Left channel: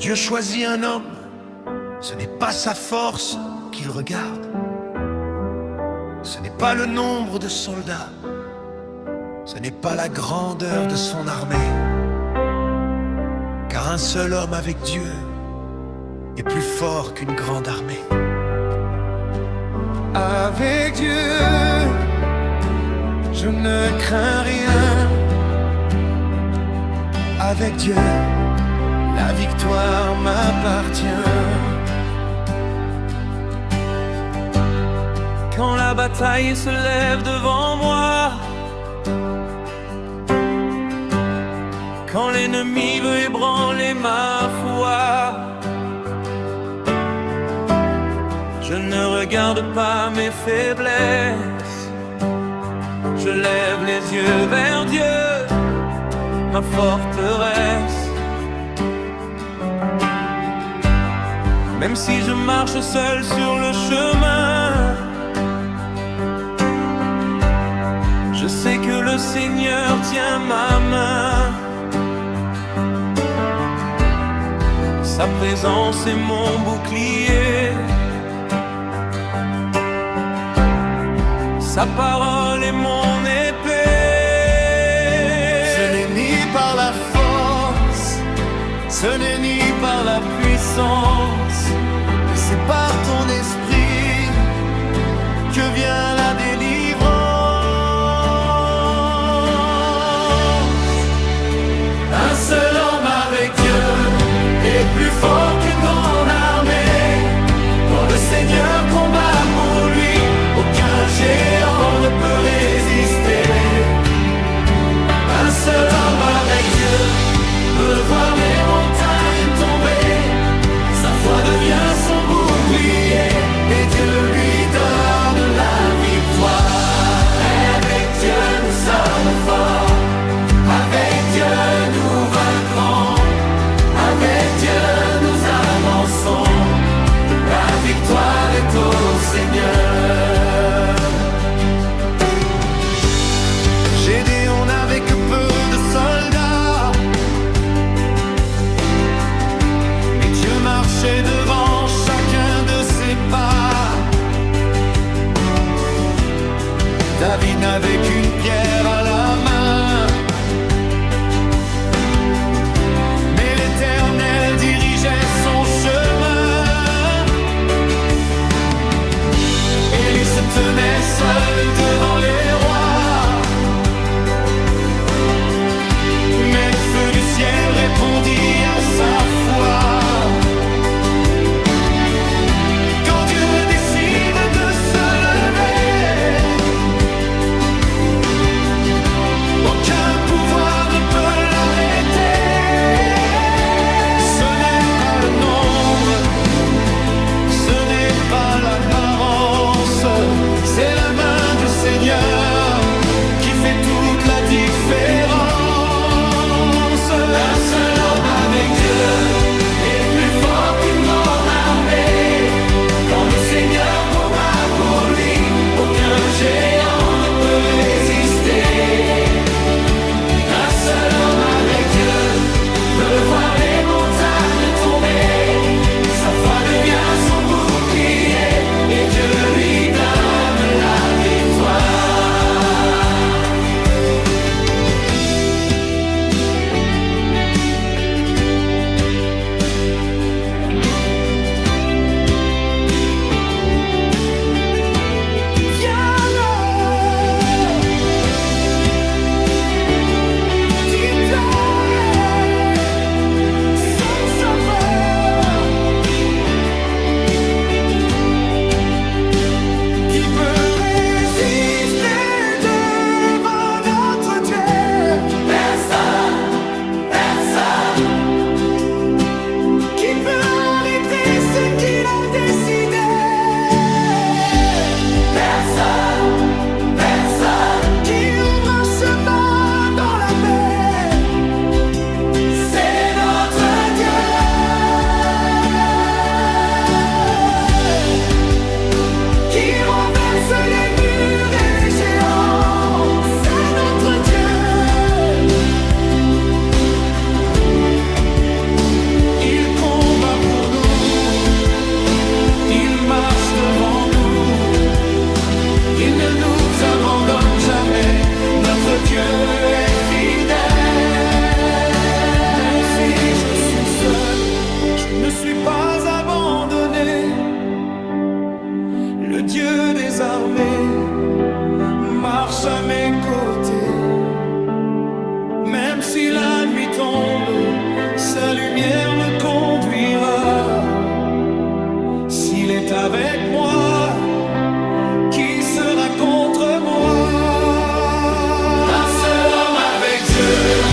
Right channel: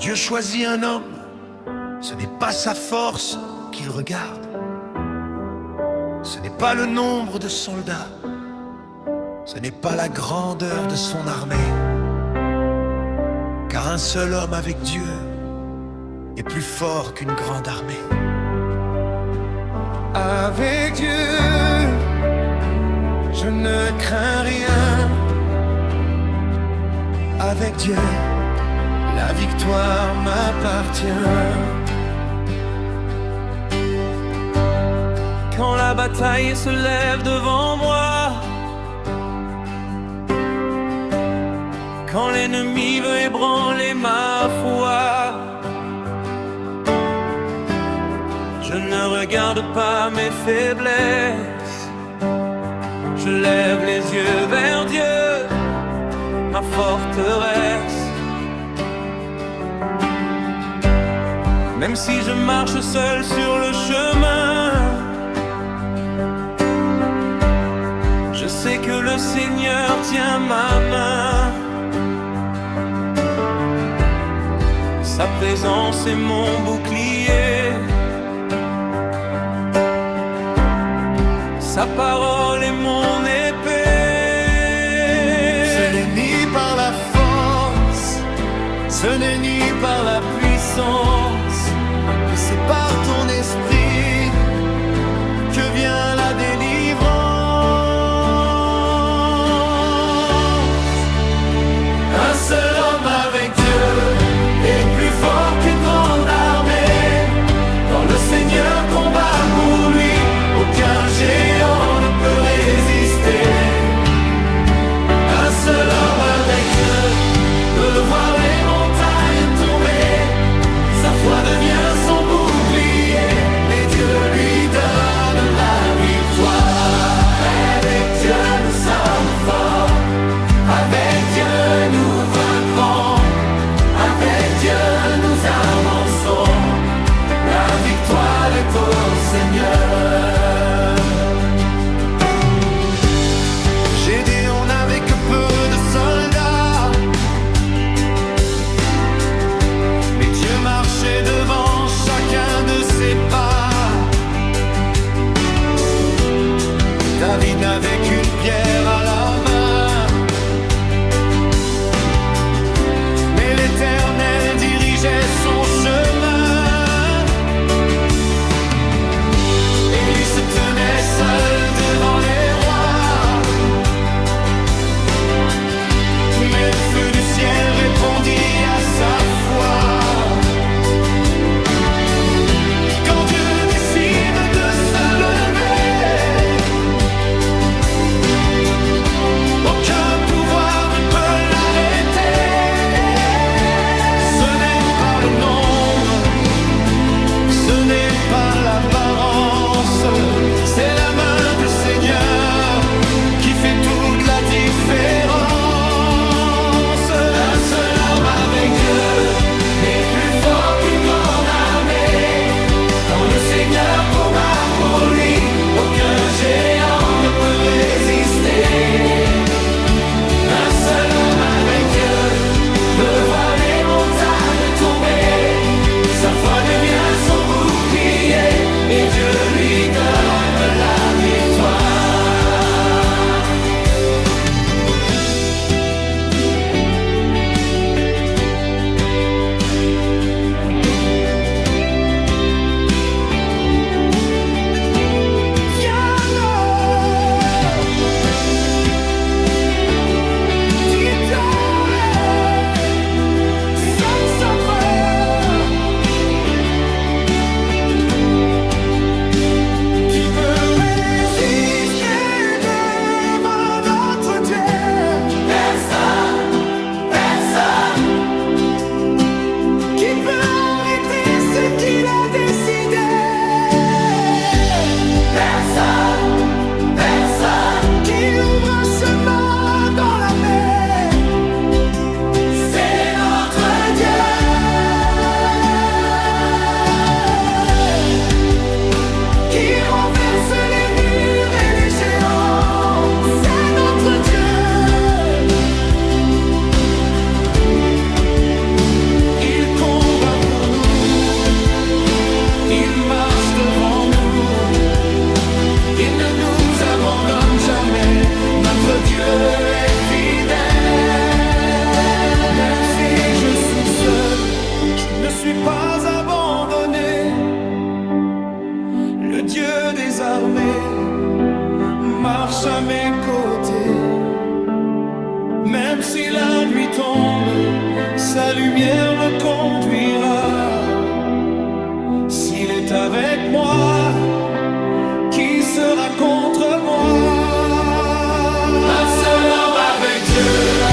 Dieu choisit un homme, ce n'est pas sa force qu'il regarde, ce n'est pas le nombre de soldats, ce n'est pas la grandeur de son armée, car un seul homme avec Dieu est plus fort qu'une grande armée. Avec Dieu, je ne crains rien. Avec Dieu, la victoire m'appartient. Quand la bataille se lève devant moi, quand l'ennemi veut ébranler ma foi, je ne regarde pas mes faiblesses, je lève les yeux vers Dieu, ma forteresse. Même si je marche seul sur le chemin, je sais que le Seigneur tient ma main. Sa présence est mon bouclier, sa parole est mon épée. Ce n'est ni par la force, ce n'est ni par la puissance, mais c'est par ton esprit que vient la délivrance. Un seul homme avec Dieu est plus fort qu'une grande armée. Quand le Seigneur combat pour lui, aucun géant ne peut résister. Un seul homme avec Dieu peut voir les montagnes tomber. Sa foi devient son bouclier et Dieu lui donne la victoire. Avec Dieu nous sommes forts, avec Dieu nous vaincrons, avec Dieu nous avançons. La victoire est au Seigneur. Gédéon n'avait que peu de soldats, mais Dieu marchait devant chacun de ses pas. David n'avait qu'une pierre à la main, mais l'Éternel dirigeait son chemin. Élie se tenait seul devant les rois, mais le feu du ciel répondit à sa foi. Quand Dieu décide de se lever, aucun pouvoir ne peut l'arrêter. Ce n'est pas le nombre, ce n'est pas l'apparence, c'est la main du Seigneur qui fait toute la différence. Un seul homme avec Dieu est plus fort qu'une grande armée. Quand le Seigneur combat pour lui, aucun géant ne peut résister. Un seul homme avec Dieu peut voir les montagnes tomber. Sa foi devient son bouclier et Dieu lui donne la victoire. Qui peut arrêter ce qu'il a décidé? Personne, personne. Qui ouvre un chemin dans la mer? C'est notre Dieu. Qui renverse les murs et les géants? C'est notre Dieu. Il compte il marche devant nous. Il ne nous abandonne jamais, notre Dieu est fidèle. Même si je suis seul, je ne suis pas abandonné. Le Dieu des armées marche à mes côtés. Même si la nuit tombe, sa lumière me conduira. S'il est avec moi, qui sera contre moi? Un seul homme avec Dieu.